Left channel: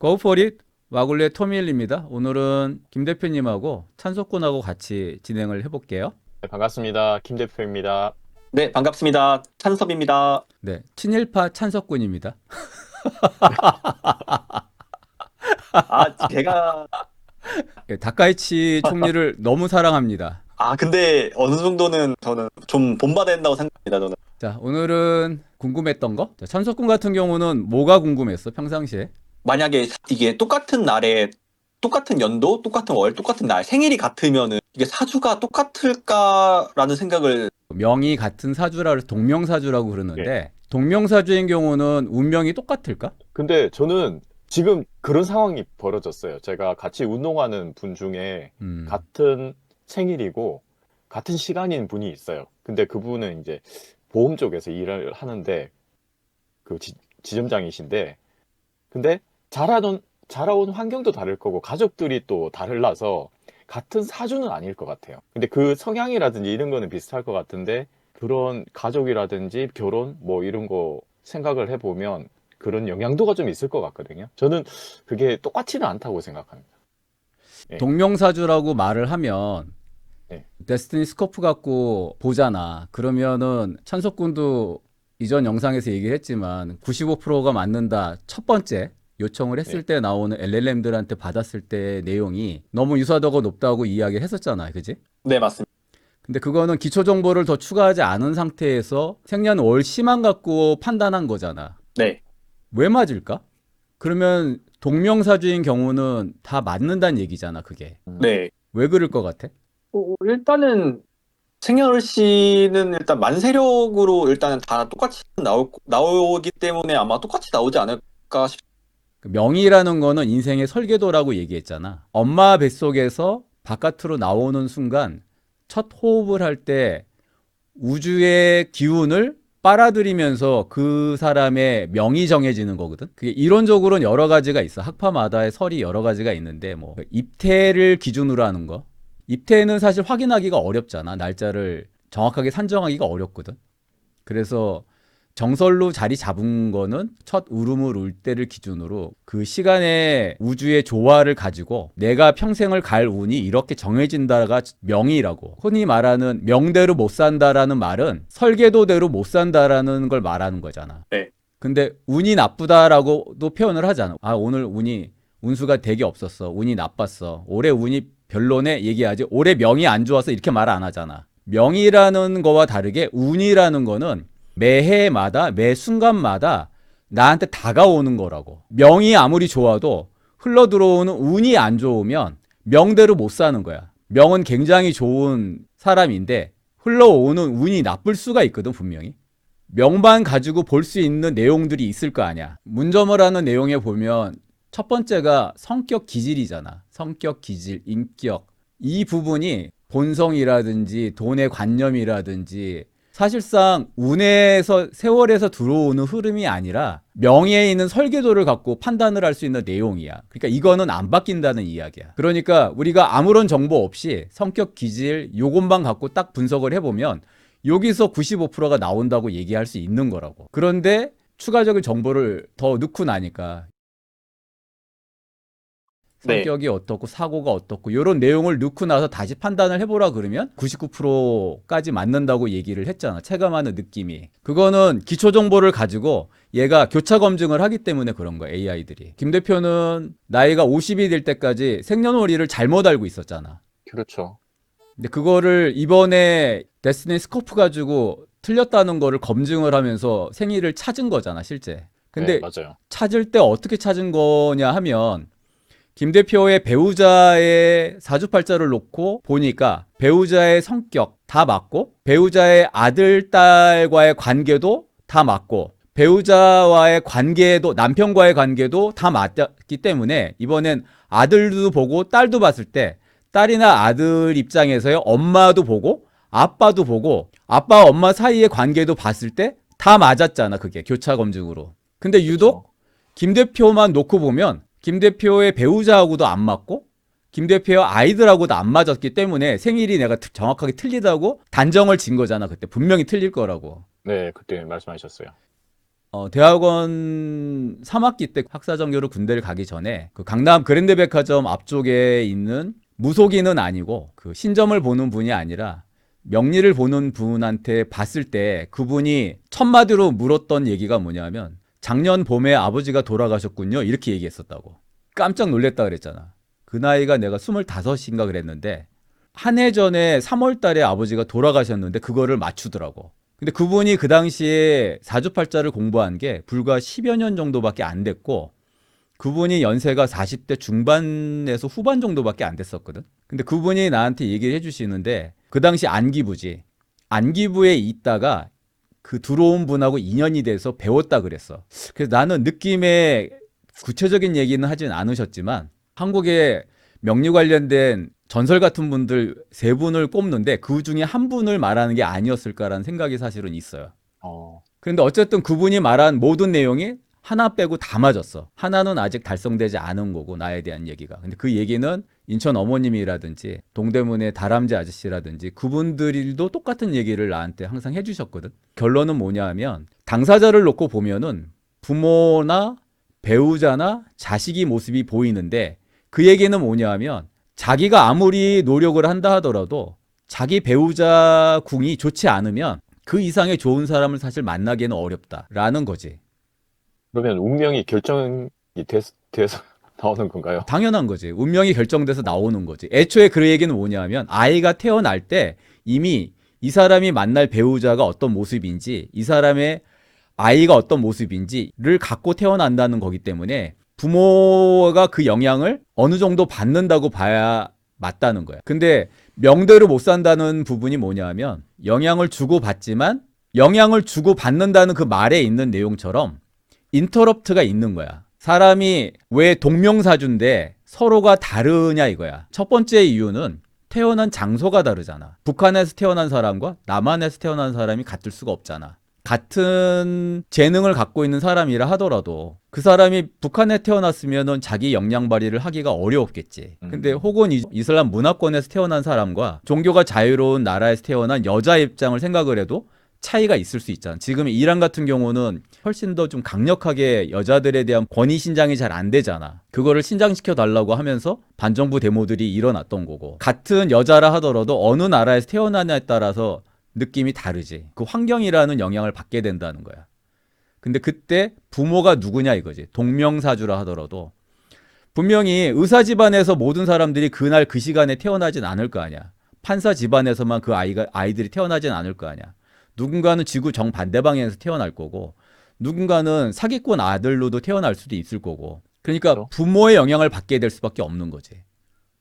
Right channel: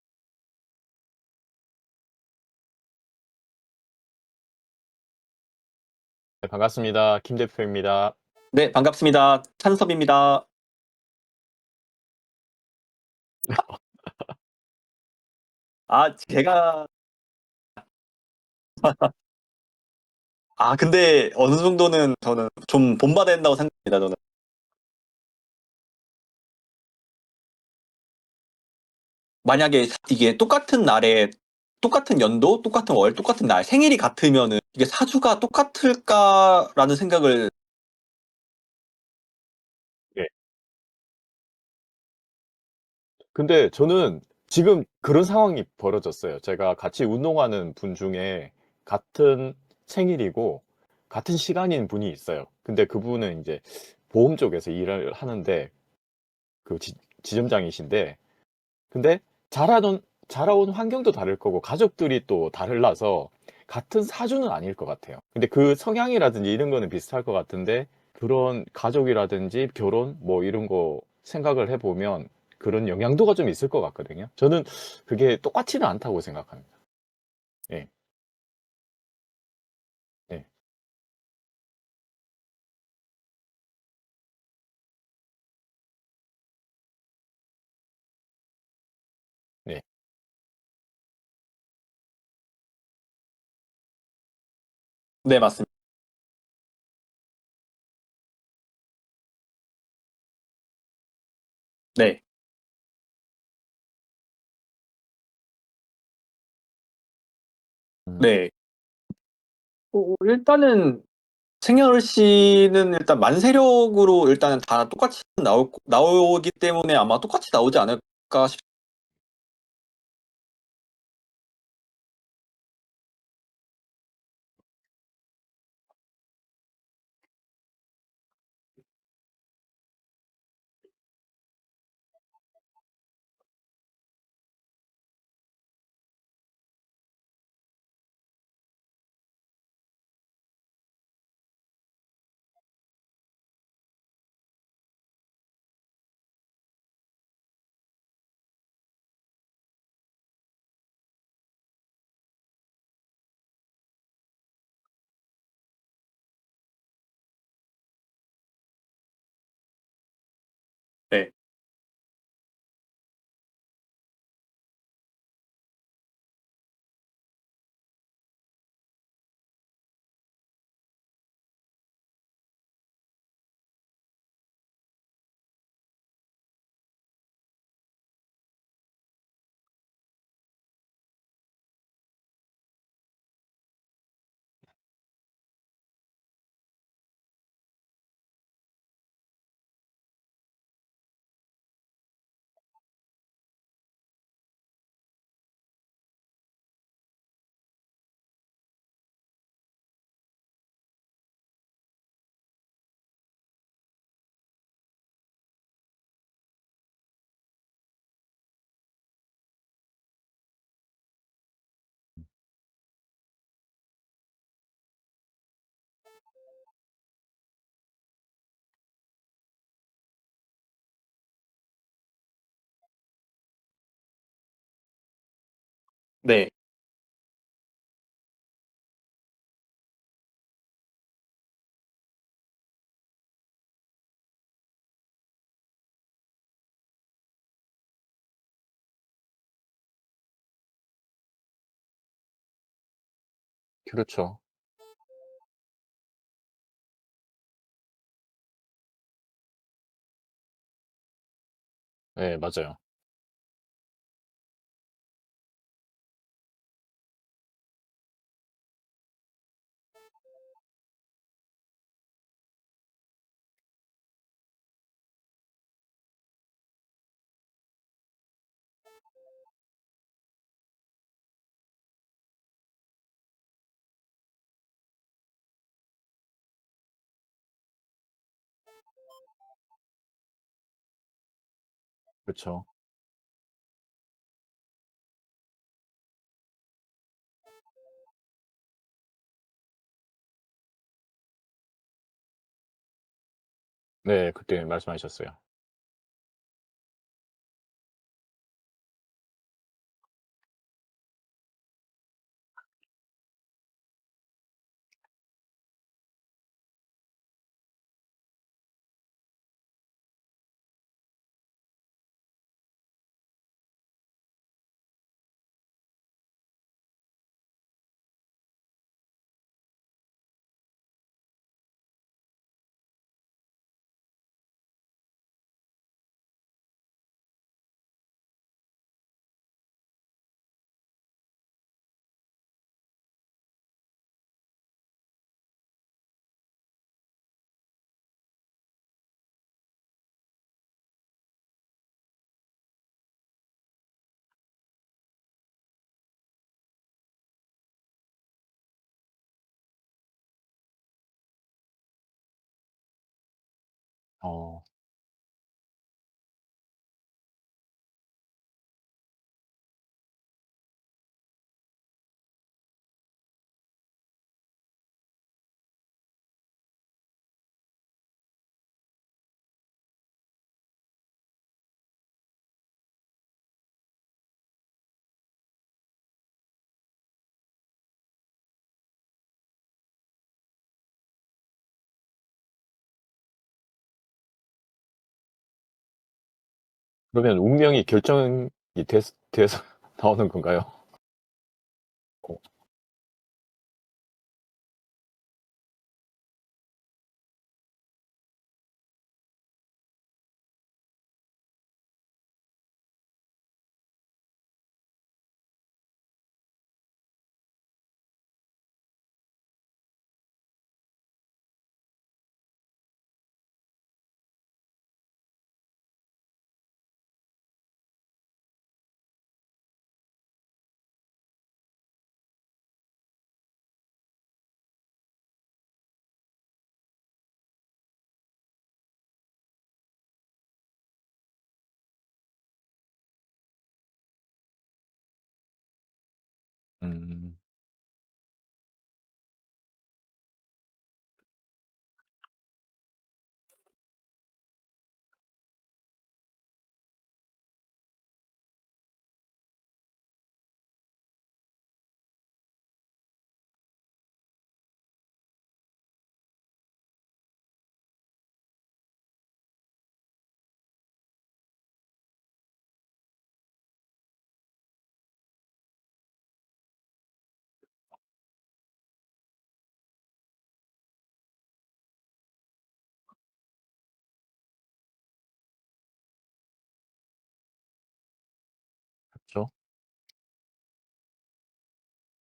Go for it. 와글리의 토미일입니다. 오늘은 김 대표님하고 찬석군하고 같이 진행을 해볼게요. 네, 반갑습니다. 김 대표입니다. 네, 반갑습니다. 찬섭입니다. 네, 친일파 찬석군입니다. 제가, 예, 다카이치 총리를 너무 사랑합니다. 근데 어느 정도는 저는 좀 본받아야 된다고 생각합니다, 저는. 자, 오늘은 궁금했던 거. 자, 찬석군 같은 경우는 뭐가 궁금했어, 평상시에? 만약에 이게 똑같은 날에, 똑같은 연도, 똑같은 월, 똑같은 날, 생일이 같으면은 이게 사주가 똑같을까라는 생각을, 명이 같은 사주라 그래서 동명사주라고 예. 그러는데 동명사주인 경우는 운명이 똑같을까? 근데 저는 지금 그런 상황이 벌어졌어요. 제가 같이 운동하는 분 중에 음, 같은 생일이고 같은 시간인 분이 있어요. 근데 그분은 이제 보험 쪽에서 일을 하는데 그 지점장이신데 근데 자라온 환경도 다를 거고 가족들이 또 달라서 같은 사주는 아닐 것 같아요. 근데 그 성향이라든지 이런 거는 비슷할 것 같은데 그런 가족이라든지 결혼 뭐 이런 거 생각을 해보면 그런 영향도가 좀 있을 것 같거든요. 저는 그게 똑같지는 않다고 생각합니다. 예, 동명사주라고 말을 하면 예, 데스티니 스코프 갖고 보잖아. 그러면은 찬석군도 이전 영상에서 얘기를 했지만 95%가 맞는다. 첫 번째 요청을 했을 예, 때 나오는 LLM들한테 받았을 때 내용이 너무 유사도가 높다고 이야기를 했었잖아. 그지? 네, 맞습니다. 근데 그거는 기초 정보를 더 추가하지 않은 상태에서 생년월 시만 갖고 판단한 거잖아. 네. 왜 맞을까? 그러면 동명사주인 경우는 다 맞는다는 얘기잖아, 그게. 네. 왜 그럴 것 같아? 일단은, 생년월 씨는 일단 만세력으로 일단은 다 똑같이 나오기 때문에 아마 똑같이 나오지 않을까 싶습니다. 그 명의라는 거는 인생의 설계도라고 얘기했잖아. 엄마 뱃속에서 바깥으로 나오는 순간 첫 호흡을 할 때 우주의 기운을 빨아들이면서 그 사람의 명이 정해지는 거거든. 그게 이론적으로는 여러 가지가 있어. 학파마다의 설이 여러 가지가 있는데 뭐 입태를 기준으로 하는 거. 입태는 사실 확인하기가 어렵잖아. 날짜를 정확하게 산정하기가 어렵거든. 그래서 정설로 자리 잡은 거는 첫 울음을 울 때를 기준으로 그 시간의 우주의 조화를 가지고 내가 평생을 갈 운이 이렇게 정해진다가 명이라고. 흔히 말하는 명대로 못 산다라는 말은 설계도대로 못 산다라는 걸 말하는 거잖아. 네. 근데 운이 나쁘다라고도 표현을 하잖아. 아, 오늘 운수가 되게 없었어. 운이 나빴어. 올해 운이 별로네 얘기하지. 올해 명이 안 좋아서 이렇게 말 안 하잖아. 명이라는 거와 다르게 운이라는 거는 매해마다 매 순간마다 나한테 다가오는 거라고. 명이 아무리 좋아도 흘러 들어오는 운이 안 좋으면 명대로 못 사는 거야. 명은 굉장히 좋은 사람인데 흘러오는 운이 나쁠 수가 있거든, 분명히. 명만 가지고 볼 수 있는 내용들이 있을 거 아니야. 문점을 하는 내용에 보면 첫 번째가 성격 기질이잖아. 성격 기질, 인격. 이 부분이 본성이라든지 돈의 관념이라든지 사실상 운에서 세월에서 들어오는 흐름이 아니라 명예에 있는 설계도를 갖고 판단을 할 수 있는 내용이야. 그러니까 이거는 안 바뀐다는 이야기야. 그러니까 우리가 아무런 정보 없이 성격 기질 요것만 갖고 딱 분석을 해보면 여기서 95%가 나온다고 얘기할 수 있는 거라고. 그런데 추가적인 정보를 더 넣고 나니까 네. 성격이 어떻고 사고가 어떻고 이런 내용을 넣고 나서 다시 판단을 해보라 그러면 99%까지 맞는다고 얘기를 했잖아. 체감하는 느낌이. 그거는 기초 정보를 가지고 얘가 교차 검증을 하기 때문에 그런 거야, AI들이. 김 대표는 나이가 50이 될 때까지 생년월일을 잘못 알고 있었잖아. 그렇죠. 근데 그거를 이번에 데스티니 스코프 가지고 틀렸다는 거를 검증을 하면서 생일을 찾은 거잖아, 실제. 네, 근데 맞아요. 찾을 때 어떻게 찾은 거냐 하면 김 대표의 배우자의 사주팔자를 놓고 보니까 배우자의 성격 다 맞고 배우자의 아들, 딸과의 관계도 다 맞고 배우자와의 관계도 남편과의 관계도 다 맞기 때문에 이번엔 아들도 보고 딸도 봤을 때 딸이나 아들 입장에서요 엄마도 보고 아빠도 보고 아빠 엄마 사이의 관계도 봤을 때 다 맞았잖아 그게 교차 검증으로. 근데 그렇죠. 유독 김 대표만 놓고 보면 김 대표의 배우자하고도 안 맞고 김 대표의 아이들하고도 안 맞았기 때문에 생일이 내가 정확하게 틀리다고 단정을 진 거잖아. 그때 분명히 틀릴 거라고. 네, 그때 말씀하셨어요. 대학원 3학기 때 학사전교로 군대를 가기 전에 그 강남 그랜드백화점 앞쪽에 있는 무속인은 아니고 그 신점을 보는 분이 아니라 명리를 보는 분한테 봤을 때 그분이 첫 마디로 물었던 얘기가 뭐냐면 작년 봄에 아버지가 돌아가셨군요. 이렇게 얘기했었다고. 깜짝 놀랐다 그랬잖아. 그 나이가 내가 25인가 그랬는데 한 해 전에 3월 달에 아버지가 돌아가셨는데 그거를 맞추더라고. 근데 그분이 그 당시에 사주팔자를 공부한 게 불과 10여 년 정도밖에 안 됐고 그분이 연세가 40대 중반에서 후반 정도밖에 안 됐었거든. 근데 그분이 나한테 얘기를 해주시는데 그 당시 안기부지. 안기부에 있다가 그 들어온 분하고 인연이 돼서 배웠다 그랬어. 그래서 나는 느낌에 구체적인 얘기는 하진 않으셨지만 한국에 명리 관련된 전설 같은 분들 세 분을 꼽는데 그 중에 한 분을 말하는 게 아니었을까라는 생각이 사실은 있어요. 어, 그런데 어쨌든 그분이 말한 모든 내용이 하나 빼고 다 맞았어. 하나는 아직 달성되지 않은 거고 나에 대한 얘기가. 근데 그 얘기는 인천 어머님이라든지 동대문의 다람쥐 아저씨라든지 그분들도 똑같은 얘기를 나한테 항상 해주셨거든. 결론은 뭐냐 하면 당사자를 놓고 보면은 부모나 배우자나 자식이 모습이 보이는데 그 얘기는 뭐냐 하면 자기가 아무리 노력을 한다 하더라도 자기 배우자 궁이 좋지 않으면 그 이상의 좋은 사람을 사실 만나기는 어렵다라는 거지. 그러면 운명이 결정이 돼서 나오는 건가요? 당연한 거지. 운명이 결정돼서 나오는 거지. 애초에 그 얘기는 뭐냐면 아이가 태어날 때 이미 이 사람이 만날 배우자가 어떤 모습인지 이 사람의 아이가 어떤 모습인지를 갖고 태어난다는 거기 때문에 부모가 그 영향을 어느 정도 받는다고 봐야 맞다는 거야. 근데 명대로 못 산다는 부분이 뭐냐 하면 영향을 주고 받지만 영향을 주고 받는다는 그 말에 있는 내용처럼 인터럽트가 있는 거야. 사람이 왜 동명사주인데 서로가 다르냐 이거야. 첫 번째 이유는 태어난 장소가 다르잖아. 북한에서 태어난 사람과 남한에서 태어난 사람이 같을 수가 없잖아. 같은 재능을 갖고 있는 사람이라 하더라도 그 사람이 북한에 태어났으면은 자기 역량 발휘를 하기가 어려웠겠지. 근데 혹은 이슬람 문화권에서 태어난 사람과 종교가 자유로운 나라에서 태어난 여자 입장을 생각을 해도 차이가 있을 수 있잖아. 지금 이란 같은 경우는 훨씬 더 좀 강력하게 여자들에 대한 권위 신장이 잘 안 되잖아. 그거를 신장시켜 달라고 하면서 반정부 데모들이 일어났던 거고. 같은 여자라 하더라도 어느 나라에서 태어나냐에 따라서 느낌이 다르지. 그 환경이라는 영향을 받게 된다는 거야. 근데 그때 부모가 누구냐 이거지. 동명사주라 하더라도 분명히 의사 집안에서 모든 사람들이 그날 그 시간에 태어나진 않을 거 아니야. 판사 집안에서만 그 아이들이 태어나진 않을 거 아니야. 누군가는 지구 정반대 방향에서 태어날 거고 누군가는 사기꾼 아들로도 태어날 수도 있을 거고. 그러니까 그렇죠. 부모의 영향을 받게 될 수밖에 없는 거지.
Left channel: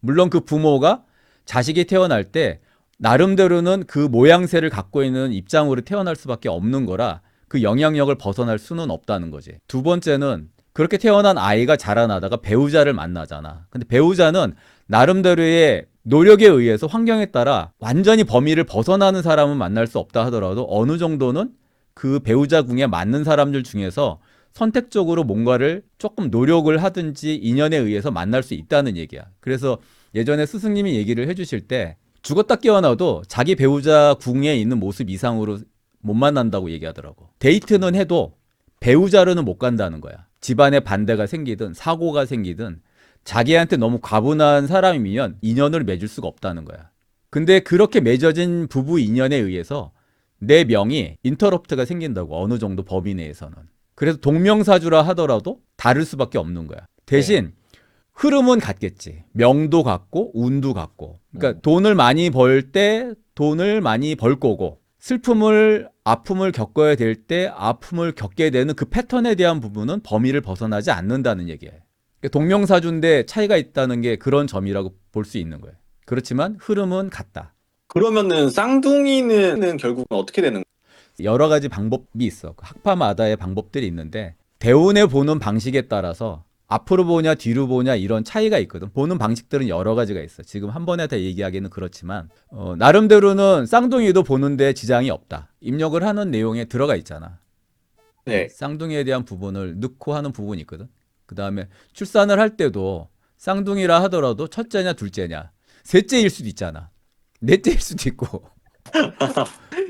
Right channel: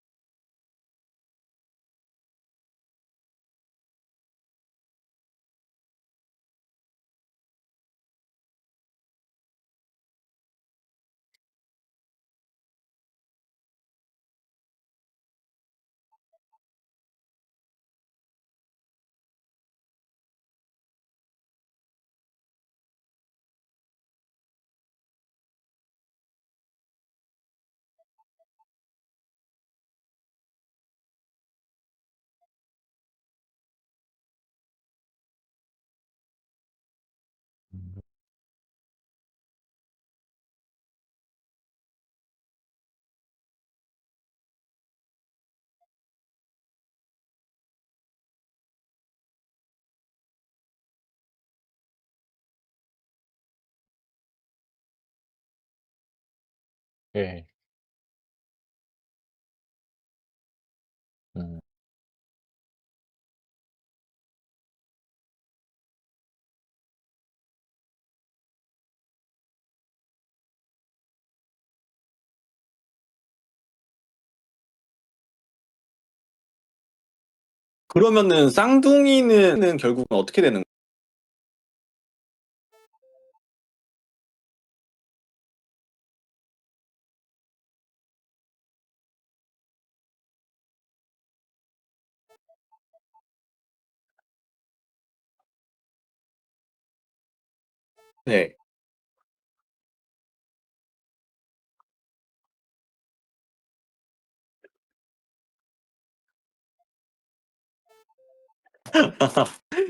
물론 그 부모가 자식이 태어날 때 나름대로는 그 모양새를 갖고 있는 입장으로 태어날 수밖에 없는 거라 그 영향력을 벗어날 수는 없다는 거지. 두 번째는 그렇게 태어난 아이가 자라나다가 배우자를 만나잖아. 근데 배우자는 나름대로의 노력에 의해서 환경에 따라 완전히 범위를 벗어나는 사람은 만날 수 없다 하더라도 어느 정도는 그 배우자 궁에 맞는 사람들 중에서 선택적으로 뭔가를 조금 노력을 하든지 인연에 의해서 만날 수 있다는 얘기야. 그래서 예전에 스승님이 얘기를 해주실 때 죽었다 깨어나도 자기 배우자 궁에 있는 모습 이상으로 못 만난다고 얘기하더라고. 데이트는 해도 배우자로는 못 간다는 거야. 집안에 반대가 생기든 사고가 생기든 자기한테 너무 과분한 사람이면 인연을 맺을 수가 없다는 거야. 근데 그렇게 맺어진 부부 인연에 의해서 내 명이 인터럽트가 생긴다고. 어느 정도 범위 내에서는. 그래서 동명사주라 하더라도 다를 수밖에 없는 거야. 대신 흐름은 같겠지. 명도 같고 운도 같고. 그러니까 돈을 많이 벌 때 돈을 많이 벌 거고 아픔을 겪어야 될 때 아픔을 겪게 되는 그 패턴에 대한 부분은 범위를 벗어나지 않는다는 얘기예요. 그러니까 동명사주인데 차이가 있다는 게 그런 점이라고 볼 수 있는 거예요. 그렇지만 흐름은 같다. 그러면은 쌍둥이는 결국은 어떻게 되는 거예요? 여러 가지 방법이 있어. 학파마다의 방법들이 있는데 대운에 보는 방식에 따라서 앞으로 보냐 뒤로 보냐 이런 차이가 있거든. 보는 방식들은 여러 가지가 있어. 지금 한 번에 다 얘기하기는 그렇지만 나름대로는 쌍둥이도 보는데 지장이 없다. 입력을 하는 내용에 들어가 있잖아. 네. 쌍둥이에 대한 부분을 넣고 하는 부분이 있거든. 그 다음에 출산을 할 때도 쌍둥이라 하더라도 첫째냐 둘째냐 셋째일 수도 있잖아. 넷째일 수도 있고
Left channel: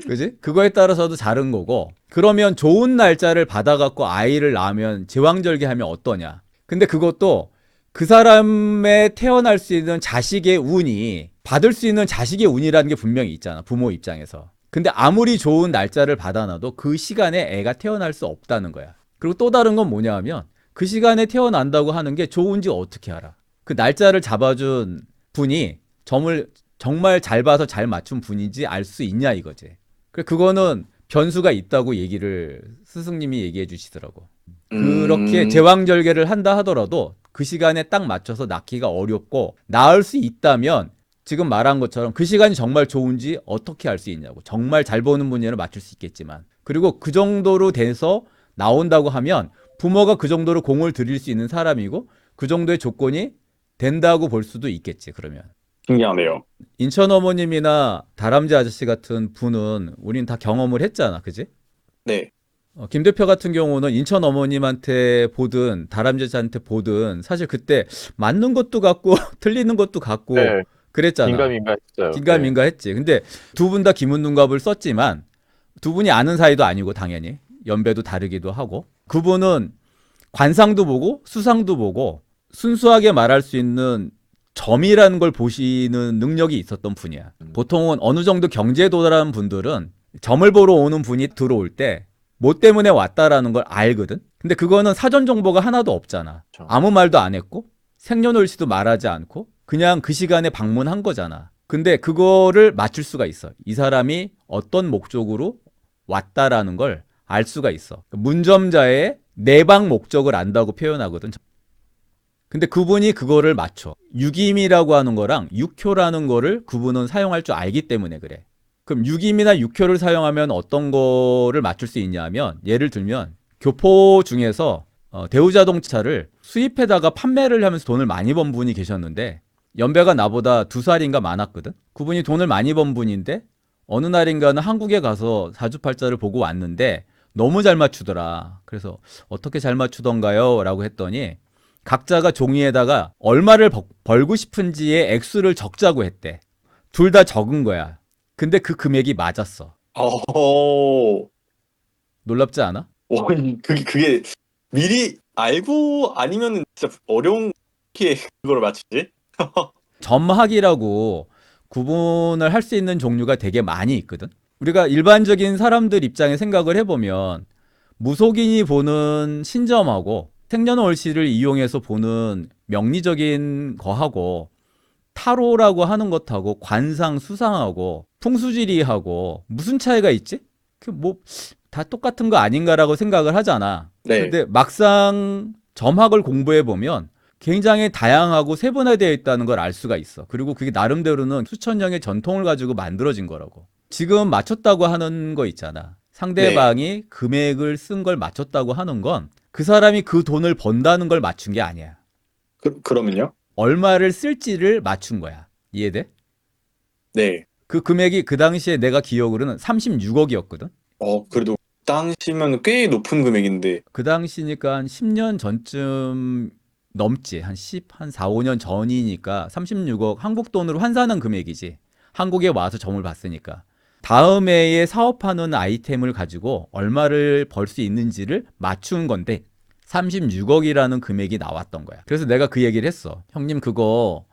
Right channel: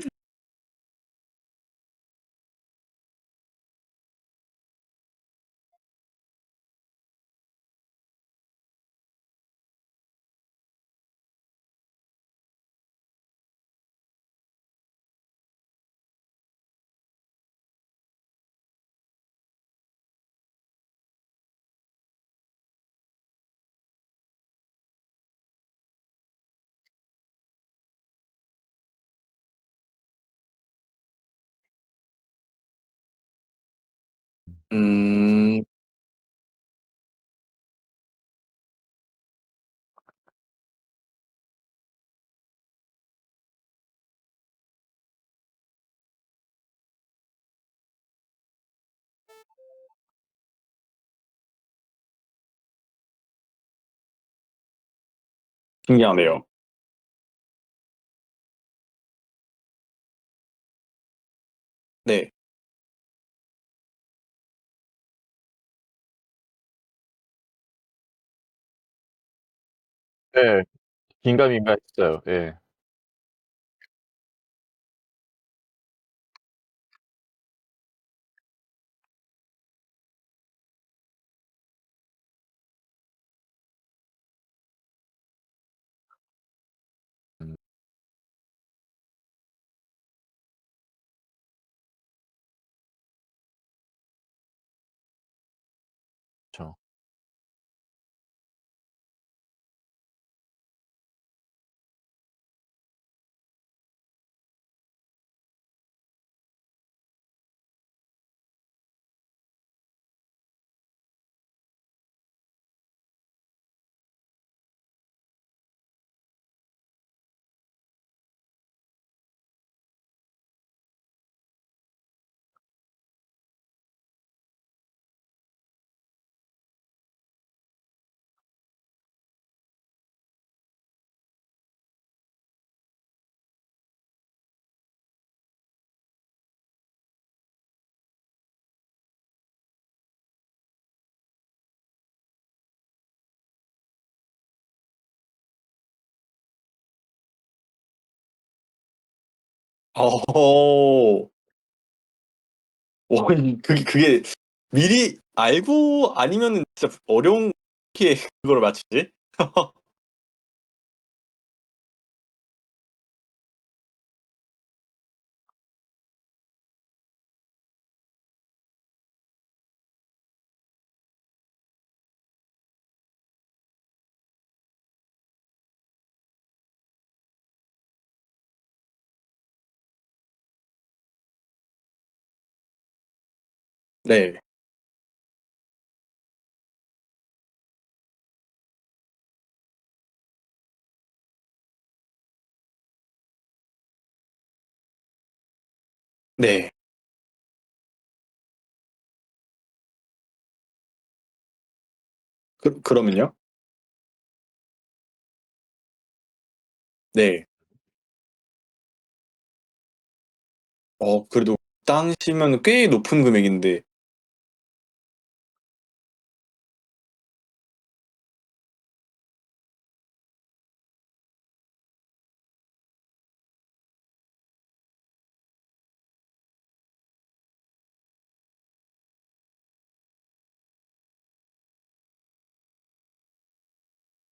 그지? 그거에 따라서도 다른 거고 그러면 좋은 날짜를 받아갖고 아이를 낳으면 제왕절개하면 어떠냐. 근데 그것도 그 사람의 태어날 수 있는 자식의 운이 받을 수 있는 자식의 운이라는 게 분명히 있잖아. 부모 입장에서. 근데 아무리 좋은 날짜를 받아놔도 그 시간에 애가 태어날 수 없다는 거야. 그리고 또 다른 건 뭐냐 하면 그 시간에 태어난다고 하는 게 좋은지 어떻게 알아? 그 날짜를 잡아준 분이 점을 정말 잘 봐서 잘 맞춘 분인지 알 수 있냐 이거지. 그거는 변수가 있다고 얘기를 스승님이 얘기해 주시더라고. 그렇게 제왕절개를 한다 하더라도 그 시간에 딱 맞춰서 낳기가 어렵고 낳을 수 있다면 지금 말한 것처럼 그 시간이 정말 좋은지 어떻게 알 수 있냐고. 정말 잘 보는 분이면 맞출 수 있겠지만 그리고 그 정도로 돼서 나온다고 하면 부모가 그 정도로 공을 들일 수 있는 사람이고 그 정도의 조건이 된다고 볼 수도 있겠지. 그러면 신기하네요. 인천 어머님이나 다람쥐 아저씨 같은 분은 우린 다 경험을 했잖아. 그지? 네. 김 대표 같은 경우는 인천 어머님한테 보든 다람쥐 아저씨한테 보든 사실 그때 맞는 것도 같고 틀리는 것도 같고 네, 그랬잖아. 긴가민가 했어요. 긴가민가 했지. 근데 두 분 다 기문눈갑을 썼지만 두 분이 아는 사이도 아니고 당연히 연배도 다르기도 하고 그분은 관상도 보고 수상도 보고 순수하게 말할 수 있는 점이라는 걸 보시는 능력이 있었던 분이야. 보통은 어느 정도 경제에 도달한 분들은 점을 보러 오는 분이 들어올 때 뭐 때문에 왔다라는 걸 알거든. 근데 그거는 사전 정보가 하나도 없잖아. 그렇죠. 아무 말도 안 했고 생년월일도 말하지 않고 그냥 그 시간에 방문한 거잖아. 근데 그거를 맞출 수가 있어. 이 사람이 어떤 목적으로 왔다라는 걸 알 수가 있어. 문점자의 내방 목적을 안다고 표현하거든. 근데 그분이 그거를 맞춰. 유김이라고 하는 거랑 육효라는 거를 그분은 사용할 줄 알기 때문에 그래. 그럼 유김이나 육효를 사용하면 어떤 거를 맞출 수 있냐면 예를 들면 교포 중에서 대우자동차를 수입해다가 판매를 하면서 돈을 많이 번 분이 계셨는데 연배가 나보다 2살인가 많았거든. 그분이 돈을 많이 번 분인데 어느 날인가는 한국에 가서 사주팔자를 보고 왔는데 너무 잘 맞추더라. 그래서 어떻게 잘 맞추던가요? 라고 했더니 각자가 종이에다가 얼마를 벌고 싶은지의 액수를 적자고 했대. 둘 다 적은 거야. 근데 그 금액이 맞았어. 어, 놀랍지 않아? 그게 미리 알고 아니면 진짜 어려운 게 그걸 맞추지? 점학이라고 구분을 할 수 있는 종류가 되게 많이 있거든. 우리가 일반적인 사람들 입장에 생각을 해보면 무속인이 보는 신점하고 생년월일을 이용해서 보는 명리적인 거하고 타로라고 하는 것하고 관상 수상하고 풍수지리하고 무슨 차이가 있지? 그 뭐 다 똑같은 거 아닌가라고 생각을 하잖아. 네. 근데 막상 점학을 공부해 보면 굉장히 다양하고 세분화되어 있다는 걸 알 수가 있어. 그리고 그게 나름대로는 수천 년의 전통을 가지고 만들어진 거라고. 지금 맞췄다고 하는 거 있잖아. 상대방이 금액을 쓴 걸 맞췄다고 하는 건 그 사람이 그 돈을 번다는 걸 맞춘 게 아니야. 그러면요? 얼마를 쓸지를 맞춘 거야. 이해돼? 네. 그 금액이 그 당시에 내가 기억으로는 36억이었거든. 그래도 당시면 꽤 높은 금액인데. 그 당시니까 한 10년 전쯤 넘지. 한 4, 5년 전이니까 36억 한국 돈으로 환산한 금액이지. 한국에 와서 점을 봤으니까. 다음 해에 사업하는 아이템을 가지고 얼마를 벌 수 있는지를 맞춘 건데 36억이라는 금액이 나왔던 거야. 그래서 내가 그 얘기를 했어. 형님 그거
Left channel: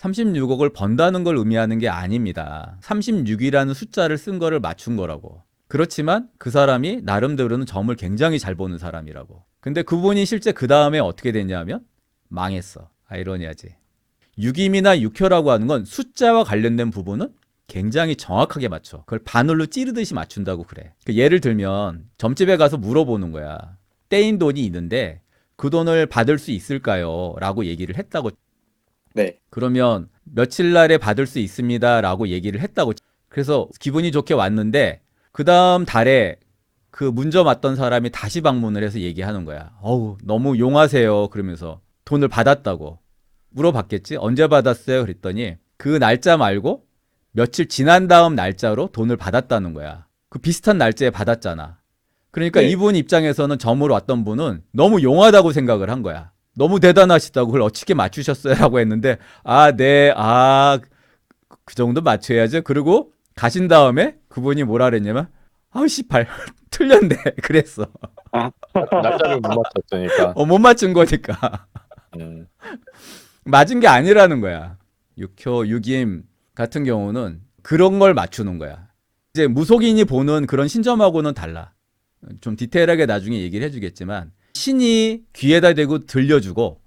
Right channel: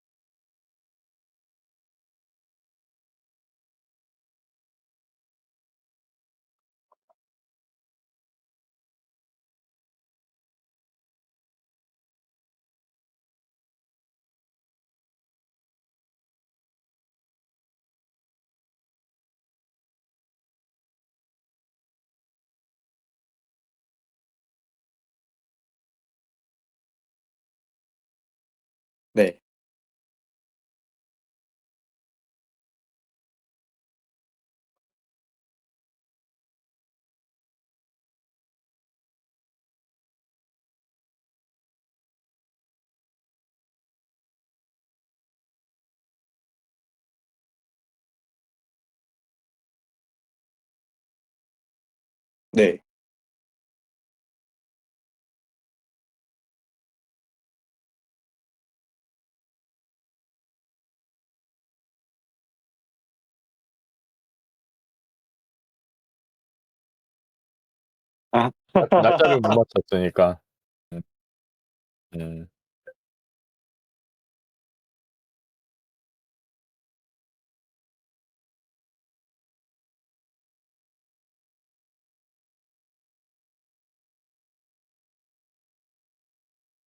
36억을 번다는 걸 의미하는 게 아닙니다. 36이라는 숫자를 쓴 거를 맞춘 거라고. 그렇지만 그 사람이 나름대로는 점을 굉장히 잘 보는 사람이라고. 근데 그분이 실제 그 다음에 어떻게 됐냐면 망했어. 아이러니하지. 유김이나 육효라고 하는 건 숫자와 관련된 부분은 굉장히 정확하게 맞춰. 그걸 바늘로 찌르듯이 맞춘다고 그래. 예를 들면 점집에 가서 물어보는 거야. 떼인 돈이 있는데 그 돈을 받을 수 있을까요? 라고 얘기를 했다고. 네. 그러면 며칠 날에 받을 수 있습니다. 라고 얘기를 했다고. 그래서 기분이 좋게 왔는데 그 다음 달에 그 문점 왔던 사람이 다시 방문을 해서 얘기하는 거야. 어우, 너무 용하세요. 그러면서 돈을 받았다고. 물어봤겠지? 언제 받았어요? 그랬더니 그 날짜 말고 며칠 지난 다음 날짜로 돈을 받았다는 거야. 그 비슷한 날짜에 받았잖아. 그러니까 네. 이분 입장에서는 점으로 왔던 분은 너무 용하다고 생각을 한 거야. 너무 대단하시다고 그걸 어떻게 맞추셨어요? 라고 했는데 네, 그 정도 맞춰야죠. 그리고 가신 다음에 그분이 뭐라 그랬냐면 아우씨 발 틀렸네. 그랬어. 날짜를 못 맞췄으니까. 못 맞춘 거니까. 음. 맞은 게 아니라는 거야. 육효, 육임 같은 경우는 그런 걸 맞추는 거야. 이제 무속인이 보는 그런 신점하고는 달라. 좀 디테일하게 나중에 얘기를 해주겠지만 신이 귀에다 대고 들려주고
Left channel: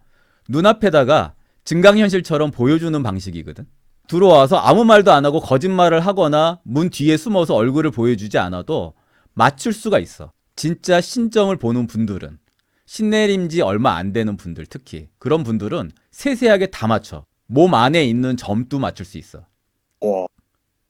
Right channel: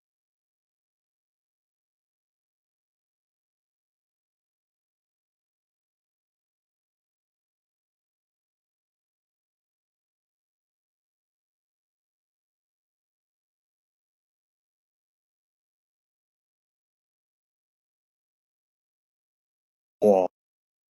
눈앞에다가 증강현실처럼 보여주는 방식이거든. 들어와서 아무 말도 안 하고 거짓말을 하거나 문 뒤에 숨어서 얼굴을 보여주지 않아도 맞출 수가 있어. 진짜 신점을 보는 분들은, 신내림 지 얼마 안 되는 분들, 특히 그런 분들은 세세하게 다 맞춰. 몸 안에 있는 점도 맞출 수 있어. 와.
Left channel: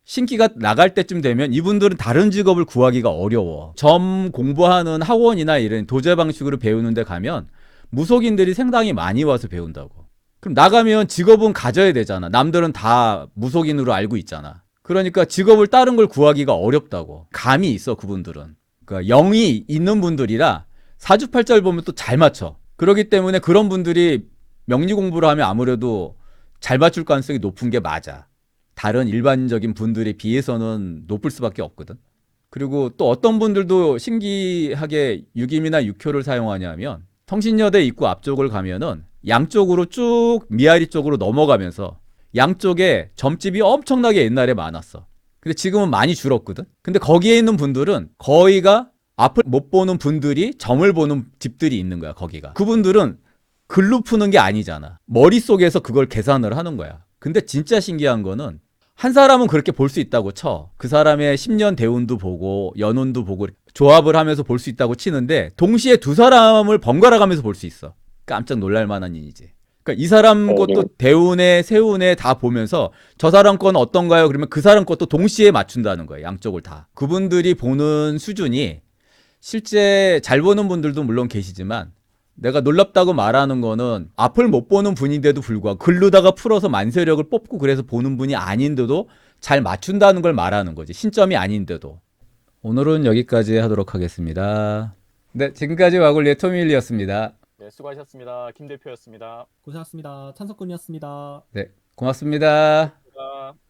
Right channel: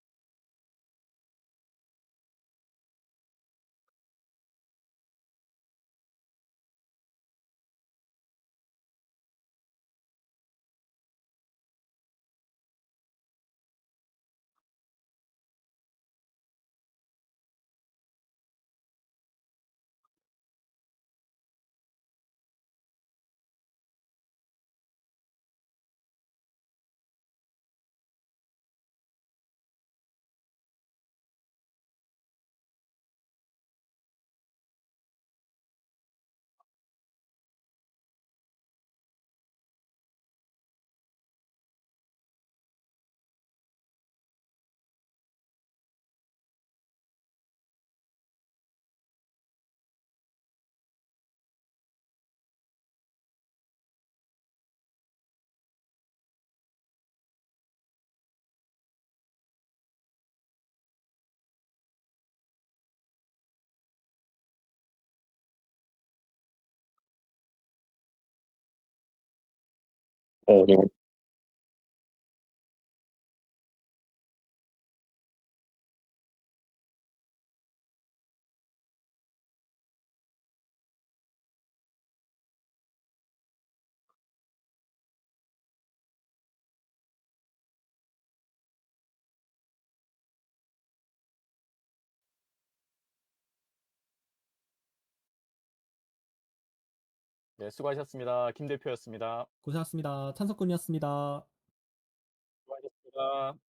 신기가 나갈 때쯤 되면 이분들은 다른 직업을 구하기가 어려워. 점 공부하는 학원이나 이런 도제 방식으로 배우는 데 가면 무속인들이 상당히 많이 와서 배운다고. 그럼 나가면 직업은 가져야 되잖아. 남들은 다 무속인으로 알고 있잖아. 그러니까 직업을 다른 걸 구하기가 어렵다고. 감이 있어, 그분들은. 그러니까 영이 있는 분들이라 사주팔자를 보면 또 잘 맞춰. 그렇기 때문에 그런 분들이 명리 공부를 하면 아무래도 잘 맞출 가능성이 높은 게 맞아. 다른 일반적인 분들에 비해서는 높을 수밖에 없거든. 그리고 또 어떤 분들도 신기하게 육임이나 육효를 사용하냐면 성신여대 입구 앞쪽을 가면은 양쪽으로 쭉 미아리 쪽으로 넘어가면서 양쪽에 점집이 엄청나게 옛날에 많았어. 근데 지금은 많이 줄었거든. 근데 거기에 있는 분들은 거의가 앞을 못 보는 분들이 점을 보는 집들이 있는 거야, 거기가. 그분들은 글로 푸는 게 아니잖아. 머릿속에서 그걸 계산을 하는 거야. 근데 진짜 신기한 거는 한 사람은 그렇게 볼 수 있다고 쳐. 그 사람의 10년 대운도 보고 연운도 보고 조합을 하면서 볼 수 있다고 치는데 동시에 두 사람을 번갈아 가면서 볼 수 있어. 깜짝 놀랄 만한 일이지. 그러니까 이 사람 것도 대운에 세운에 다 보면서 저 사람 건 어떤가요? 그러면 그 사람 것도 동시에 맞춘다는 거예요. 양쪽을 다. 그분들이 보는 수준이 실제 잘 보는 분들도 물론 계시지만 내가 놀랍다고 말하는 거는 앞을 못 보는 분인데도 불구하고 글로다가 풀어서 만세력을 뽑고 그래서 보는 분이 아닌데도 잘 맞춘다는 걸 말하는 거지. 신점이 아닌데도. 오늘은 여기까지 하도록 하겠습니다. 네, 지금까지 와글리의 토미일이었습니다. 네, 수고하셨습니다. 김 대표였습니다. 고생하셨습니다. 찬석군이었습니다. 네, 고맙습니다. 감사합니다.